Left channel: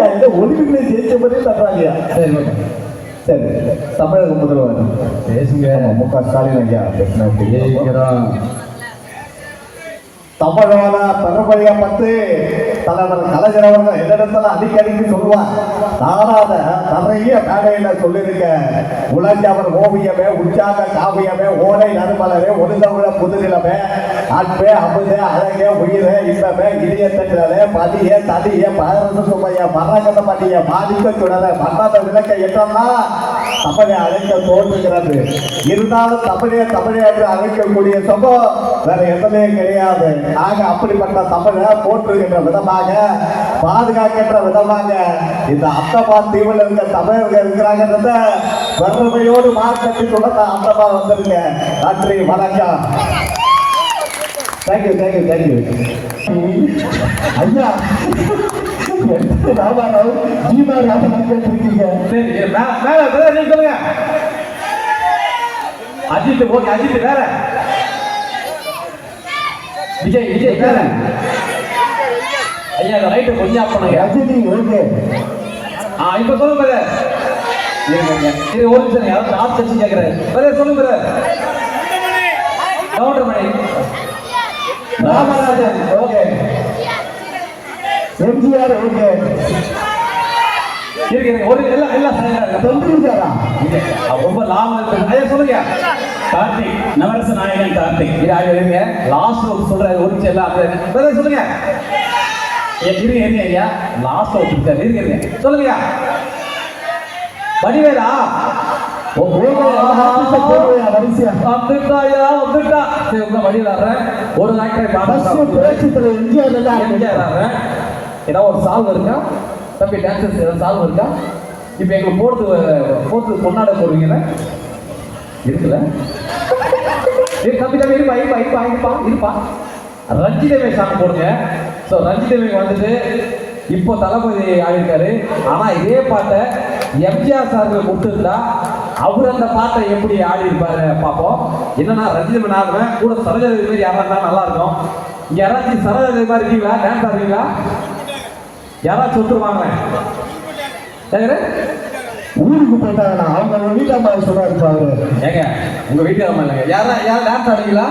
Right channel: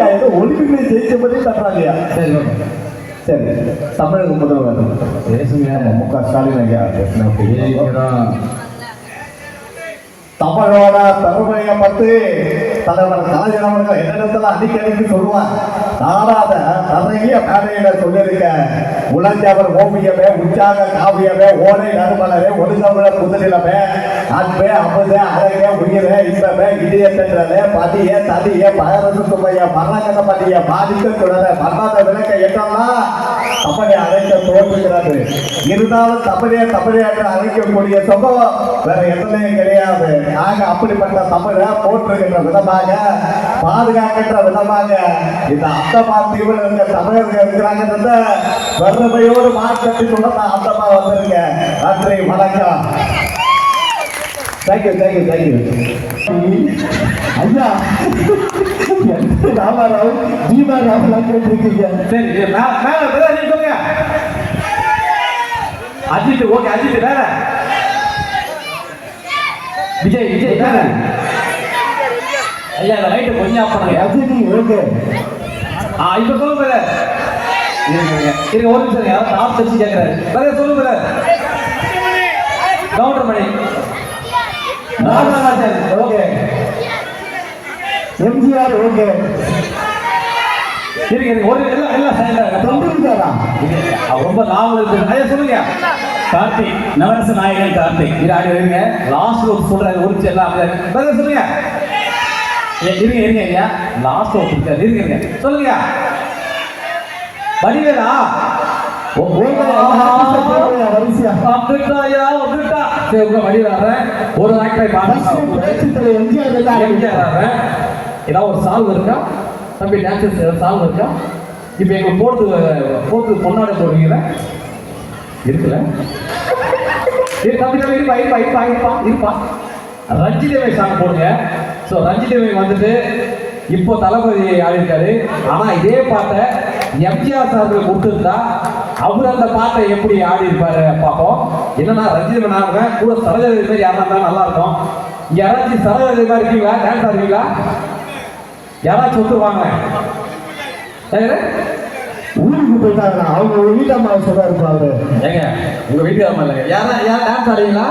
ஐயா இந்த ஒலிம்பிக்ல ஜெயிச்ச மாதிரி தர்றாங்கய்யா. சரி சரி, தமிழக முதல்வர் பேசுங்க. மு.க.ஸ்டாலின் ஐயா பேசுகிறோம். தமிழோட பெருமையை பற்றி தலைவர் கலைஞர் அவர்கள் எதிர்த்துல அடிக்கடிக்கு சொல்லுவார். நானாத நிறைய மேடையில சொல்லியிருக்கேன். உலஞ்சவர் ஓவியமே, உற்சாக காவியமே, ஓலை நறுமலரே, ஒளிதவிர புதுநிலமே, அன்பே அமுதே அழகே உயிரே இன்பமே இதயத்திலே பதியே தனியே பகரசு சுமைய மரணகத பதிய பாதிக்க தொடர மரண விளக்க என்றெல்லாம் தமிழை அழைக்க தோன்றுகிறது. இருந்தாலும் தமிழே தமிழே என்று அழைக்கக்கூடிய சமூகம் வேற எதுலையும் கிடையாது. நாங்க அப்படிப்பட்ட தமிழை போற்றுகின்ற விதமாக, பாதுகாக்கின்ற விதமாக இந்த அந்தமான் தீவில் இருக்க தமிழர்கள் இருக்கிறாங்கன்றத பெருமையோடு மார்க்கெட்டி சொல்ல நான் அந்தமா வந்திருக்கேன். நன்றி, வணக்கம். தேங்க்யூ தேங்க்யூ தேங்க்யூ ஐயா. ராமாராவ் ஜீவா ராமலாம் கேட்டிருக்கீங்க. சரி மேல நீங்க சொல்லுங்க. அஜித் ஓகே, அஜித் வேற, விஜய் விஜய் வேற. ஐயா ரைட்டு கொஞ்சம் ஆஃப் பண்ணுங்க. ரஜினி ஓகே. இப்ப சொல்லுங்க பிரதர். இருங்க ஒரு நிமிஷம், யாராவது ஆஃப் வச்சு கேட்கறாரு. பிரதர் சொல்லுங்க பிரதர். கவுண்டர் பண்ணி ராமராஜன் ஓகே, எம்ஜிஆர் ஓகே. இருக்கு ஒரு எல்லாம் எல்லாம் சைலண்டா ரொம்ப லாபம் இருக்கு. ஐயா சொல்லுங்க. கார்த்திக், நவரச நாயகன் கார்த்திக். இருங்க லாஸ்ட் ஒரு சொல்றாரு. ஒரு எல்லாம் பிரதர் சொல்லுங்க. இருங்க இருங்க ஐயா, லாஸ்ட் ஒரு இருக்காரு. இருங்க சொல்லுங்க. வடிவேலா ஒரு ஏதாவது ஒரு சால்வ் இருக்கா தம்பி? டான்சர்ஸ் சால்வ் இருக்கா? இப்ப எங்களுக்கு போட்டு பொன்னாட போடுவீங்க இருக்குல்ல? தம்பி தம்பி இருப்பா. ரஞ்சிதேவி சாங் போடுங்க. ஸோ ரஞ்சிதேவி வந்துட்டு இப்போ தளபதி ஆடிருக்காரு. ஆனா இதே பாட்டை எம்ஜிஆர் சார்ல கொடுத்துருந்தா அவர் அந்த பாட்டை எப்படி ஆடி இருப்பாரு பார்ப்போம். என்னன்னா ரஞ்சிதேவி ஆடுங்க கூட சரோஜாதேவி மாதிரி யாரா நல்லா இருக்கும். இங்க யாராச்சும் சரோஜாதேவி மாதிரி இருக்கீங்களா? டான்ஸ் ஆடுவீங்களா? யாராச்சும் ஒத்துருவாங்க? ஊருக்கு போயிட்டாங்கன்னா அவங்க வீட்டாம்மா சொல்ல இருப்பாரு. ஏங்க உங்க வீட்டாம்மா இல்லைங்க, யாரா டான்ஸ் ஆடுவீங்களா?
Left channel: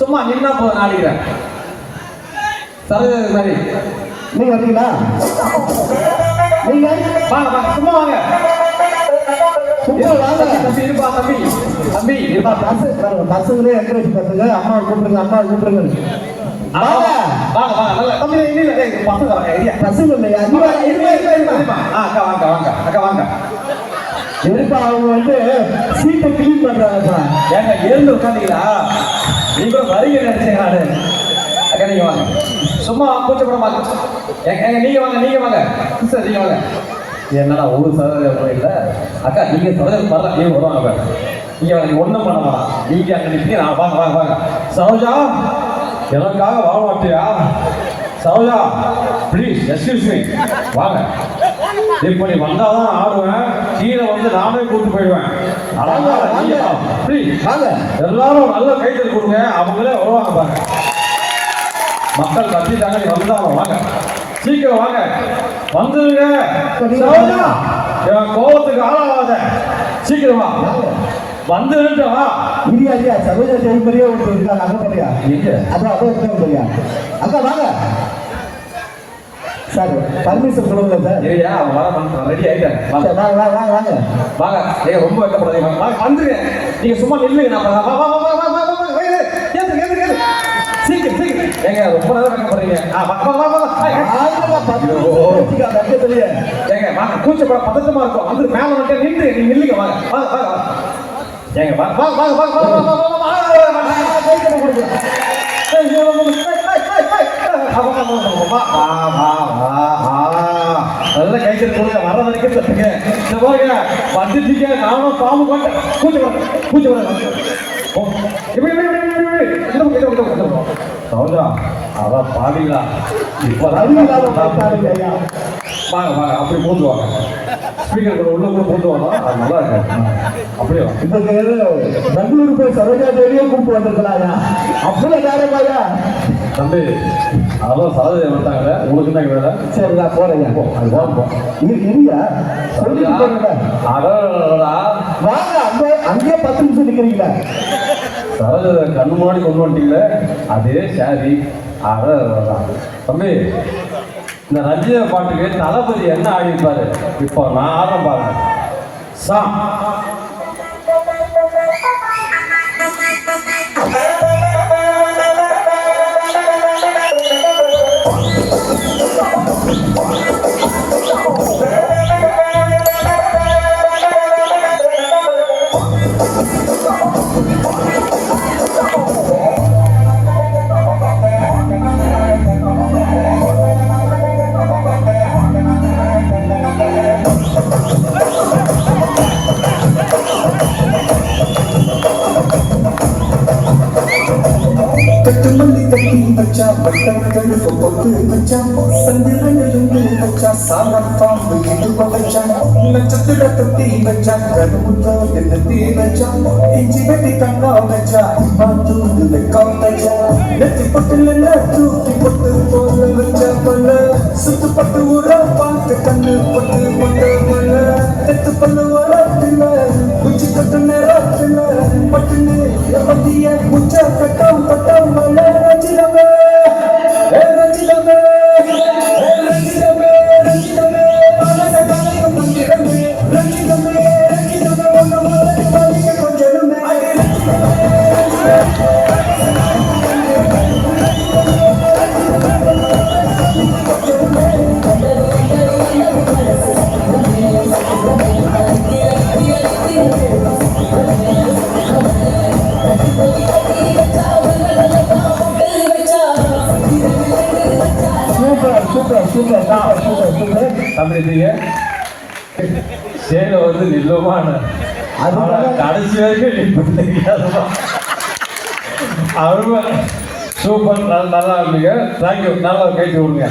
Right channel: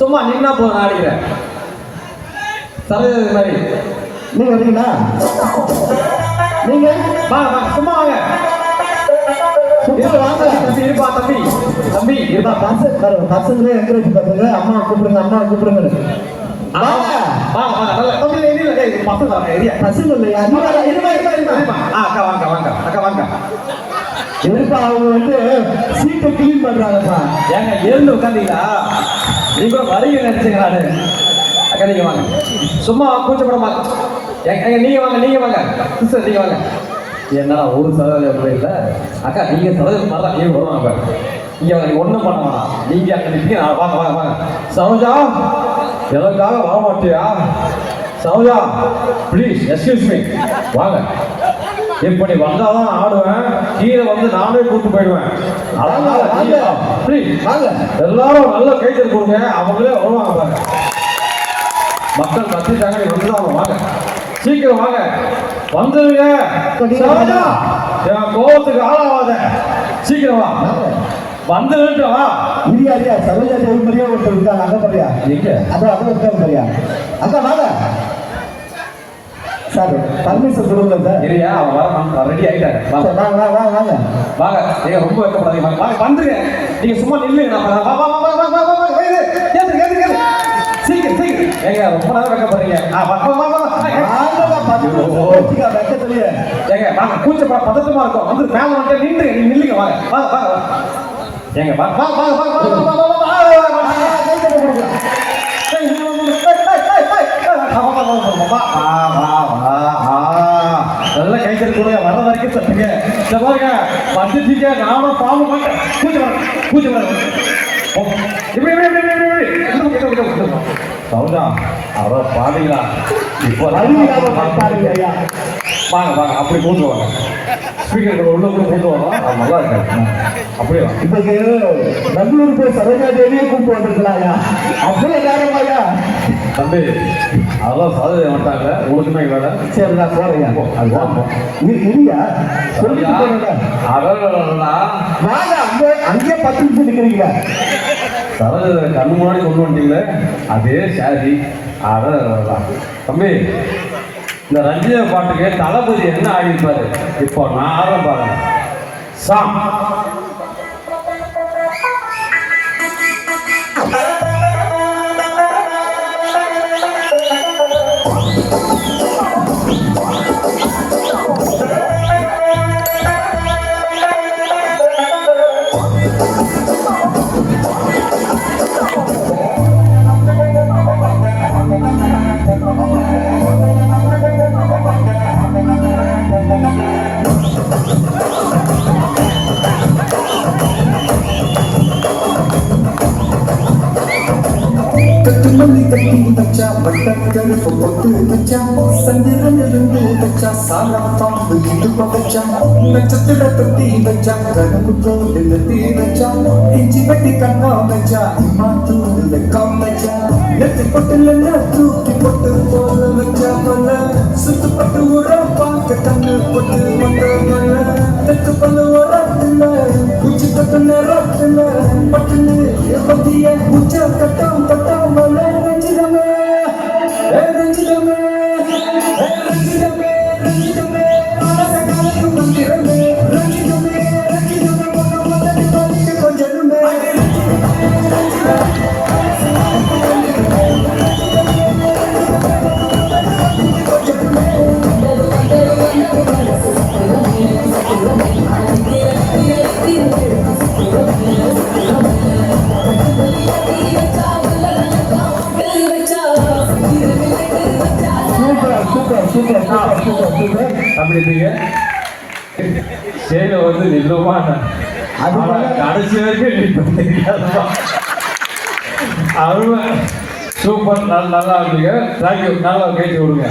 சும்மா நின்னா போதும், ஆடிக்கிறேன். சரோஜாதேவி மாதிரி நீங்க வரீங்களா? நீங்க சும்மா வாங்க. தம்பி இருப்பா, தம்பி இருப்பா. பசங்களே என்கரேஜ் பண்ணுங்க. அம்மா கூப்பிடுங்க, அம்மா கூப்பிடுங்க. பசங்க இல்லையா? அக்கா வாங்க. இருப்பா, அவங்க வந்து சீட்டை கிளீன் பண்றாங்கப்பா. ஏங்க எழுந்து உட்காந்தீங்களா? நீங்க வரீங்க நினைச்சீங்க. நானு அக்கா நீங்க வாங்க, சும்மா கூச்சப்பட மாட்டோம். நீங்க வாங்க சிஸ்டர், நீங்க வாங்க. என்னடா ஒரு சரோஜா போயில அக்கா, நீங்க சரோஜா தரலாம். நீங்க வருவாங்க. நீங்க ஒண்ணும் பண்ணலாம். நீங்க அங்க நிற்பீங்க. வாங்க. சரோஜா எனக்காக வர மாட்டியா? சரோஜா ப்ளீஸ் எக்ஸ்கியூஸ் மீ, வாங்க. இப்போ நீ வந்தாதான் ஆடுவேன். கீழே வந்து நானே கூட்டு போயிடுவேன். ப்ளீஸ் வாங்க. எல்லாரும் நல்ல கைத்தல் கொடுங்க. அவங்களே வருவாங்க பாருங்க. மக்கள் கத்திட்டாங்க, நீ வந்துதான் வாங்க. சீக்கிரம் வாங்க, வந்துருங்க. கோபத்துக்கு ஆளாவாத, சீக்கிரம் வா. வந்துருக்கா இடியா சரோஜா தேவி மாதிரியே ஒருத்தர் இருக்காங்க. அங்க பாரியா? எங்க? அதான் இருக்காங்க பாரியா? அக்கா வாங்க. சார் பர்மிஷன் கொடுங்க சார். சரியா? ரெடி ஆயிட்டேன். வாங்க. நீங்க ரொம்ப வெட்டப்படாதீங்க. வாங்க வந்துருங்க. நீங்க சும்மா நில்லுங்க. நான் சீக்கிரம் ஏங்க ரொம்ப நேரம் வெட்டப்படுறீங்க. ஏங்க வாங்க, கூச்சப்பட பதட்டமா இருக்கும். வந்து மேல வந்து நின்று நீங்க நில்லுங்க. வாங்க. ஏங்க வாங்க. நல்ல கைத்தல் கொடுங்க. வர வரைக்கும் சொல்லுங்க. இந்த பாருங்க வந்துட்டீங்க. நானும் பாம்பு மாட்டேன். கூச்சு வர இப்படி சௌதா அவ பாடிங்களா? இப்போ வாங்க அப்படி போட்டு வாங்க. ஸ்பீக்கர் கூட உள்ள போட்டு வாங்க. அது நல்லா இருக்காது. அப்படியே இப்போ பெங்களூர் போய் சரோஜா தேவியே கூப்பிட்டு வந்துருக்கலாயா? அப்படியே காரணமாயா? தம்பி அதெல்லாம் சாதனை வந்துட்டாங்க உங்களுக்கு என்ன வேலை? சரி நான் போறேன் போ அது போகிறோம் இல்லையா சொல்லிட்டு போறீங்க அடடா வாங்க அங்கேயே 10 நிமிஷம் நிற்கிறீங்களா சரோஜ கண்ணு முன்னாடி கொண்டு வந்துட்டீங்களே அதே சாரி அடடா தம்பி இந்த ரஞ்சித பாட்டுக்கு தளபதி என்ன ஆடிப்பாரு இப்போ நான் ஆடுறேன் பாருங்க சாம் கட்டுமல்லி கட்டி வச்சா வட்டக்கல் பொட்டு வச்சா சந்திரன் இருந்து வச்சா சாரா பாம்பு இது வச்சா நட்சத்திர தொட்டி வச்சா கருமுத்தோ நிறுத்தி வச்சா இஞ்சி வெட்டி கங்கா வச்சா இம்மாத்து வெக்கம் வச்சா நெத்தி பட்டுல தூக்கி பொட்டு போல வச்சா போல சுத்து பட்டு ஊற பார்த்து கண்ணு பட்டு பொட்டு போல நெத்து பண்ணு வரத்துல குச்சி தொட்டு நேரத்துல பட்டுன்னு எப்பத்திய பூச்சா கட்டம் பட்டம் தம்பி சேல வந்து நில்லுமா கடைசி வரைக்கும் தெரியாதுமா அருமை சூப்பர் நல்லா இருந்தீங்க தேங்க்யூ நல்லா கேட்டு விடுங்க